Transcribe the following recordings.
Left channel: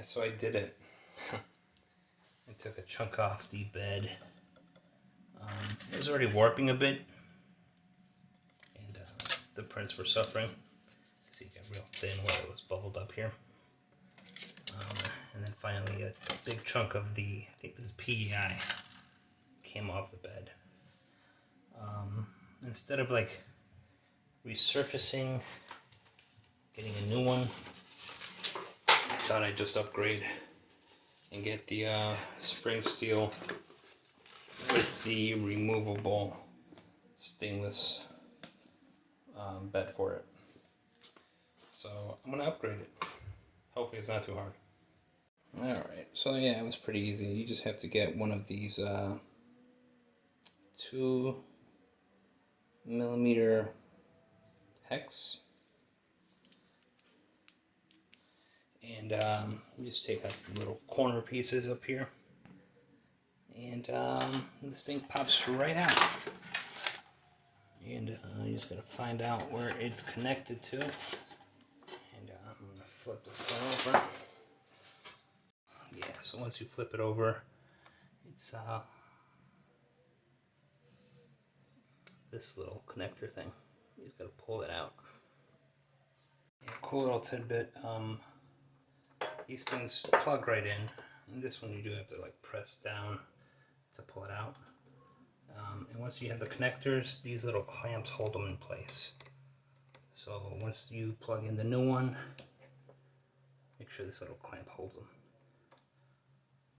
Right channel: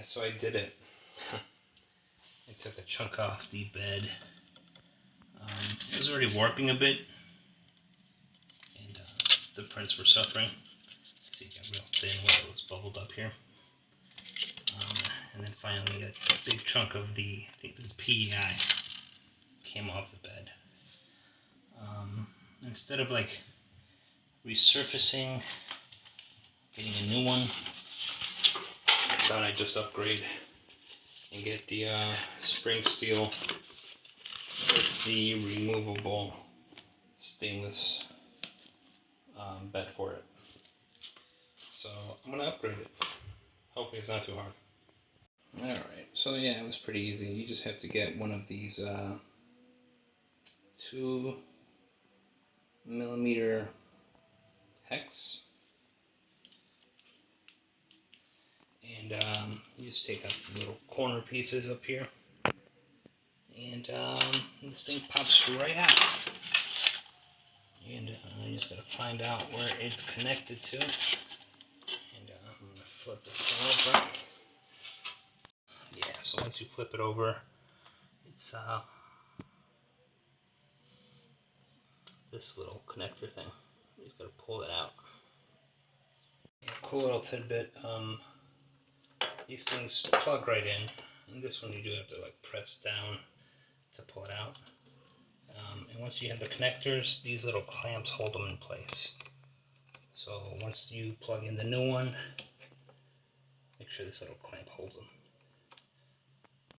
Yeah, so I did it. I took a chunk off the bed. It was already warping a bit, and the prints were suffering. See, it got real thin where it was bubbled up here. And then finally a big chunk of the, I think this PEI, came off the bed. Instead of like resurfacing, getting a new one, I thought I'd just upgrade and get the spring steel with the removable stainless bed for it. So I'm gonna upgrade it. Hopefully it's not too hard. Alright, so yeah, it was pretty easy. You just have to get one of these 2mm hex, and you just take out the little corner pieces up here, and this thing pops right out. And you just gotta find out where it's connected to. And I'm gonna flip this thing over. Yeah, so once you flip it over, it's this little connector thing. You just gotta pull it out. Yeah, cool little tidbit. These things plug right in, and this one you do have to like press down to pull it out. And once you have the connectors, these little clamps hold them in place. So once you plug in the new one, make sure this little clamp holds them.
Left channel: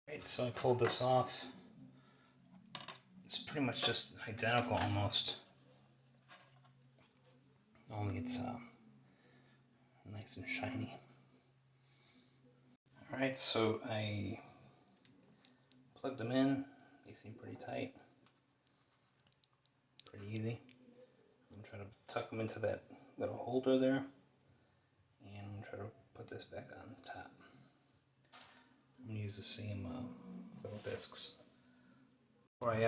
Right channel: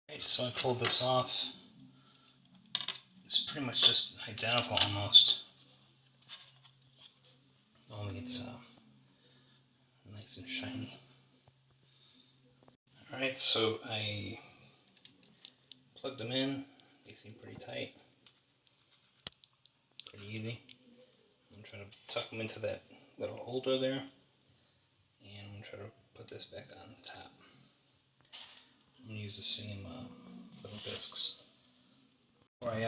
Right, so I pulled this off. It's pretty much just identical almost. Only it's nice and shiny. Alright, so I plugged them in. They seem pretty tight. Pretty easy. I'm trying to tuck them into that little holder there. And I'm trying to put this back on top. I'm going to use the same little discs. Before I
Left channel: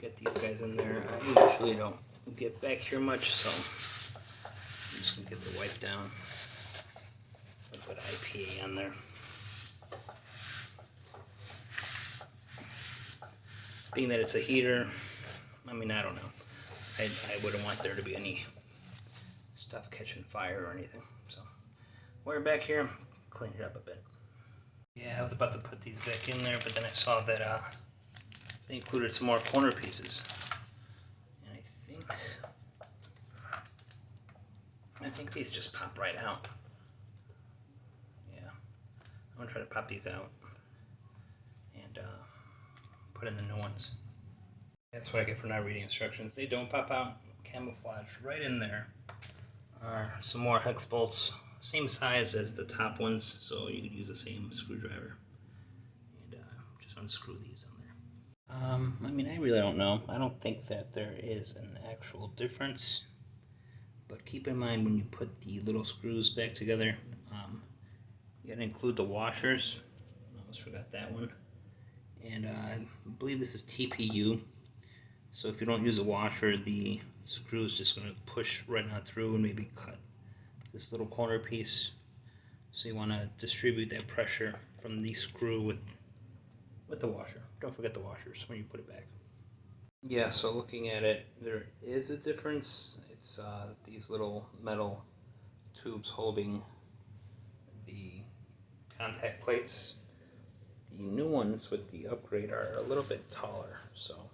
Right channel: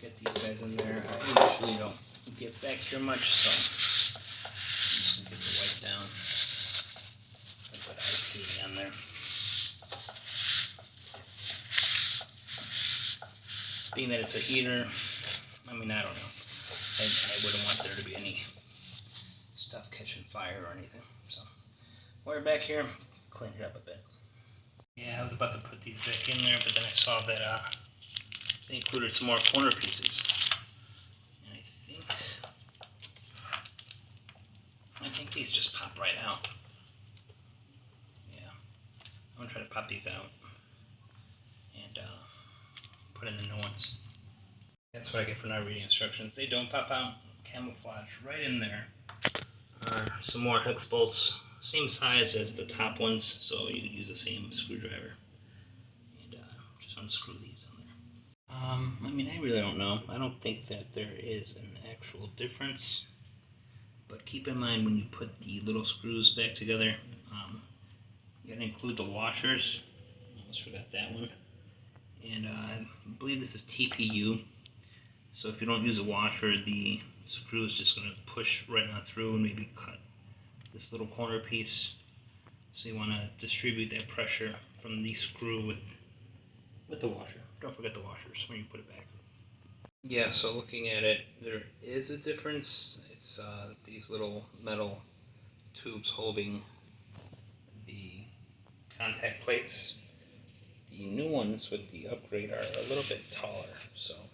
get these guys in there, I usually don't get back here much, so I'm just going to get the wipe down. Put that IP on there. Being that it's a heater, I mean, I don't know. I wouldn't want there to be any stuff catching fire or anything. So, we're back here, clean it up a bit. Yeah, I was about to put these back in there, but then I saw that they included some more corner pieces. And I think these just pop right out. Yeah, I'm gonna try to pop these out and put in the new ones. That's what I get for not reading instructions. They don't pop out. Camouflage right in there are some more hex bolts, same size as the top ones, so you could use the same screwdriver. And just unscrew these on there. I mean, I really don't know. I don't think that there is an actual difference, but keep in mind when you put the little screws back together, you gotta include the washers. I almost forgot that one. And I believe this is TPU. So if you don't use a washer, the screw is just going to push right on through and maybe cut this little corner piece. So you want to distribute that pressure from the screw with the washer. Don't forget the washers when you put it back. Yeah, so looking at it, there is a difference. It's these little metal tubes holding the contact plates. The new ones with the upgrade are a little bit taller, so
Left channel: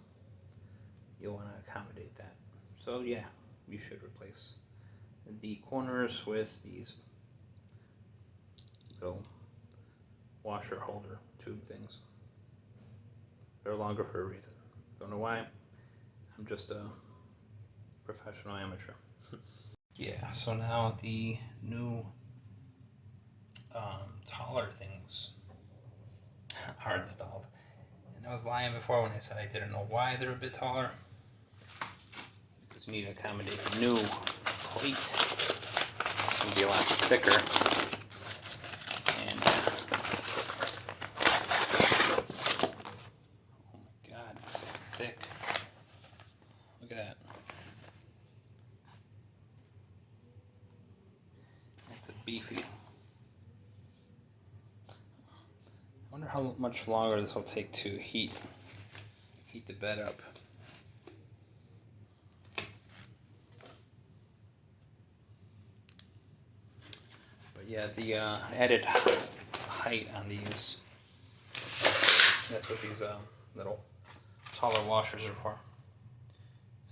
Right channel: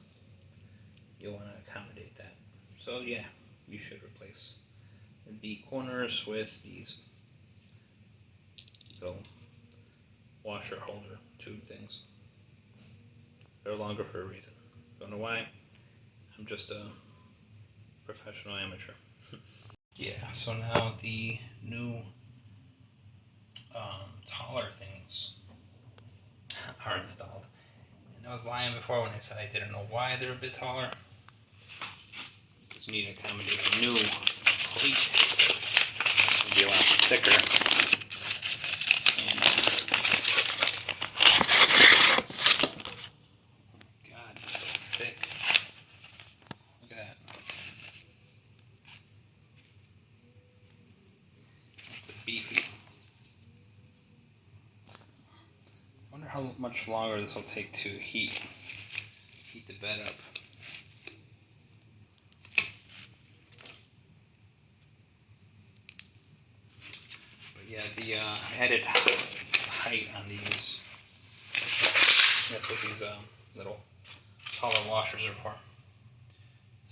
you'll want to accommodate that. So yeah, you should replace the corners with these little washer holder tube things. They're longer for a reason. Don't know why. I'm just a professional amateur. Yeah, so now the new taller things are installed. And I was lying before when I said I didn't know why they're a bit taller. Because you need to accommodate a new plate. It's going to be a lot thicker. And God, it's so thick. Look at that. That's a beefy. wonder how much longer this will take to heat the bed up. But yeah, the added height on these, that's what these little taller washers are for.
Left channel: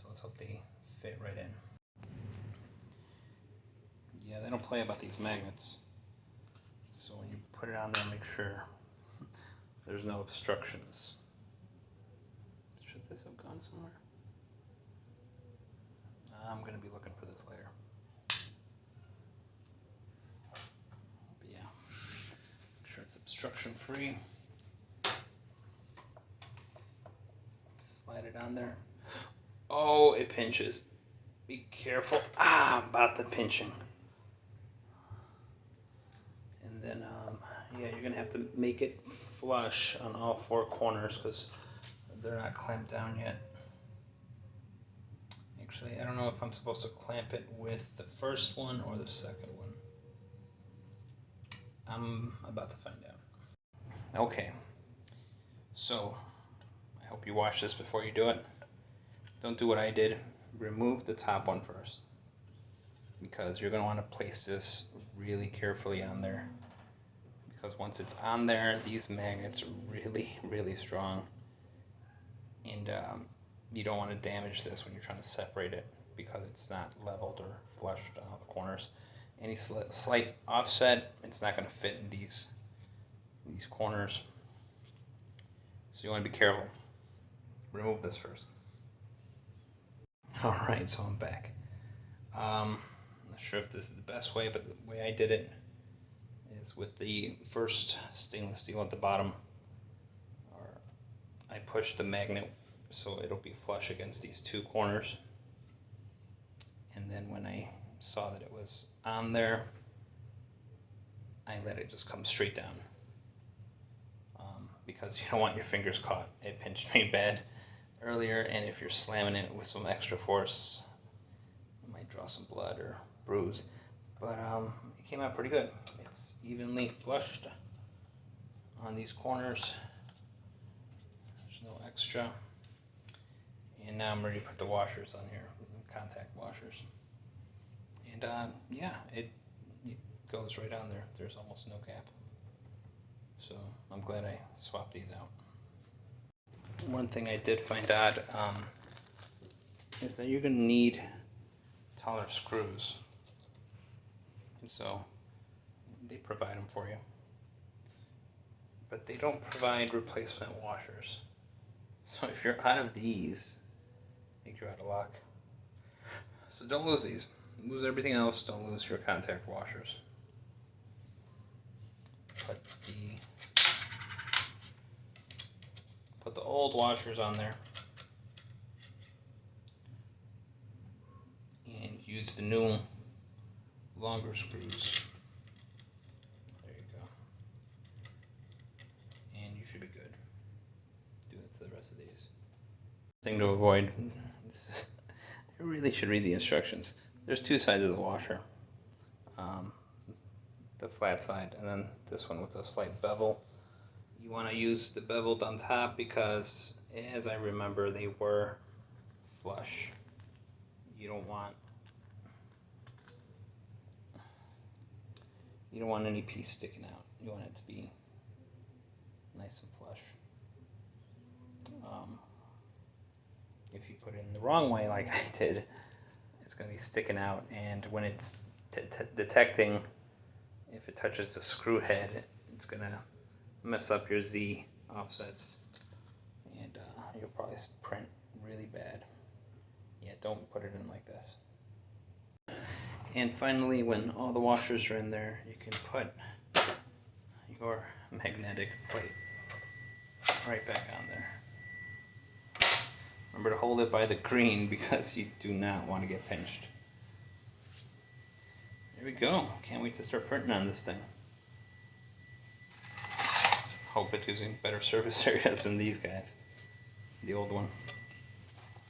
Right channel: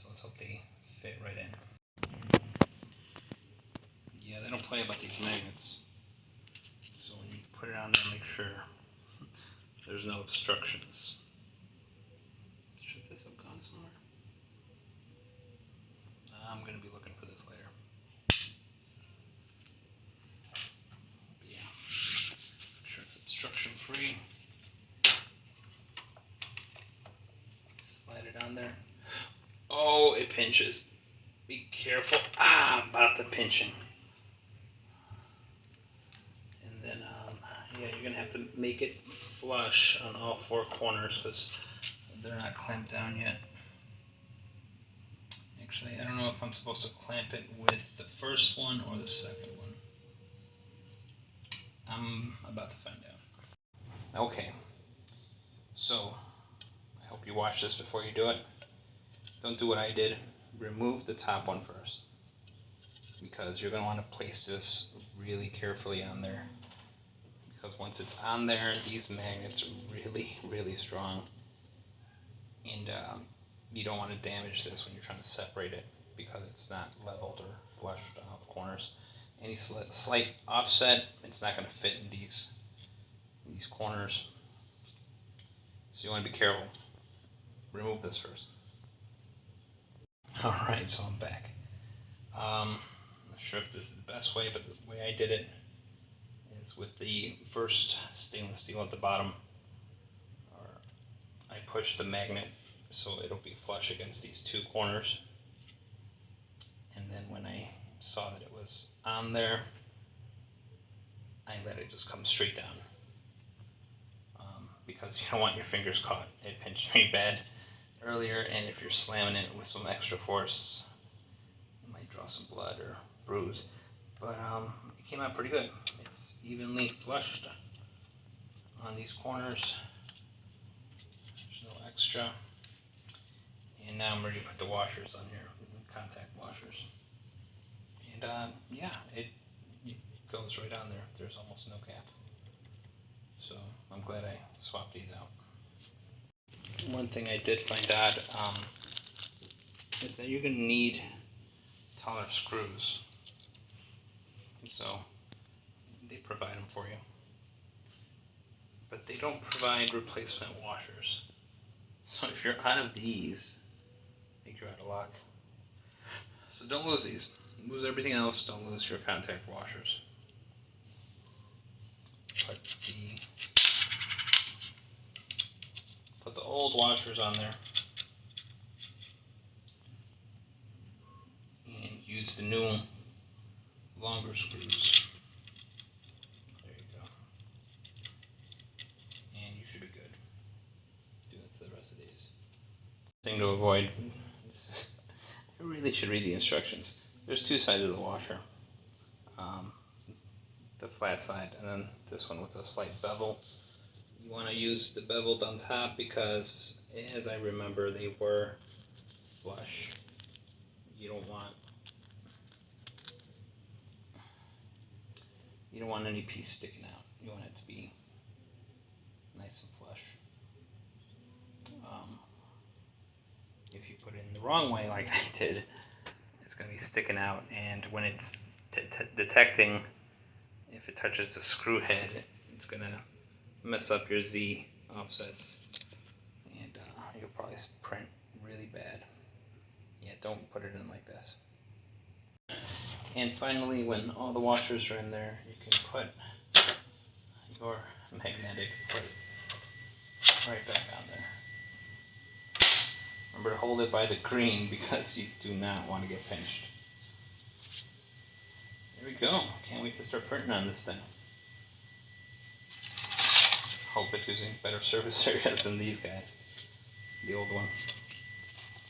So let's hope they fit right in. Yeah, they don't play about these magnets. So when you put it on there, make sure there's no obstructions. Should this have gone somewhere? I'm going to be looking for this later. But yeah, make sure it's obstruction free. Slide it on there. Oh, it pinches. Be careful. About the pinching. And then, yeah, you're going to have to make it flush on all four corners because they're not clamped down yet. Actually, I don't know if I'm supposed to clamp it with the first one or the second one. I'm about to find out. Okay, so I hope you watch this before you do it. Don't do what I did. Remove the top one first, because you're going to want to place this really carefully on there. Because once it's on there, these magnets are really, really strong. And you don't want to damage this when you're trying to separate it, because it's not leveled or flushed on all the corners. Any slight offset, it's not going to fit in these corners. So you want to be careful. Remove this first. Alright, so I'm back. Not sure if this is the best way, but the way I did it is with the first stainless steel at the bottom. I pushed the magnet so it'll be flush against these two corners. And then when I saw that it was on there, I let it just come straight down. Because you don't want your fingers caught. It pinched me bad earlier, and if you're slamming it with some extra force, it might draw some blood or bruise. But it came out pretty good. It's evenly flushed on these corners. There's no extra. And now I'm ready to put the washers on here, contact washers. And yeah, it goes right on there. There's almost no gap. So I'm glad I swapped these out. One thing I did find odd is that you're going to need taller screws. So they provide them for you. But they don't provide replacement washers. So if you're out of these, I think you're out of luck. So don't lose these. Lose everything else, don't lose your contact washers. Put the old washers on there and use the new longer screws. There you go. And you should be good. Do it to the rest of these. Thing to avoid. I really should read the instructions. There's two sides of the washer. The flat side and then this one with a slight bevel. You want to use the beveled on top because, as I remember, they were flush. You don't want any piece sticking out. You want it to be nice and flush. If you put it in the wrong way, like I did, it's going to be sticking out, and when it's detecting, if it touches the screw head, it's going to mess up your Z offsets, and you'll probably print really bad. Yeah, don't put it in like this. And finally, when all the washers are in there, you can put your magnetic plate right back on there. Remember to hold it by the green because you do not want to get pinched. There we go. Can't wait to start printing on this thing. Hope it's using better surface areas than these guys. The old one.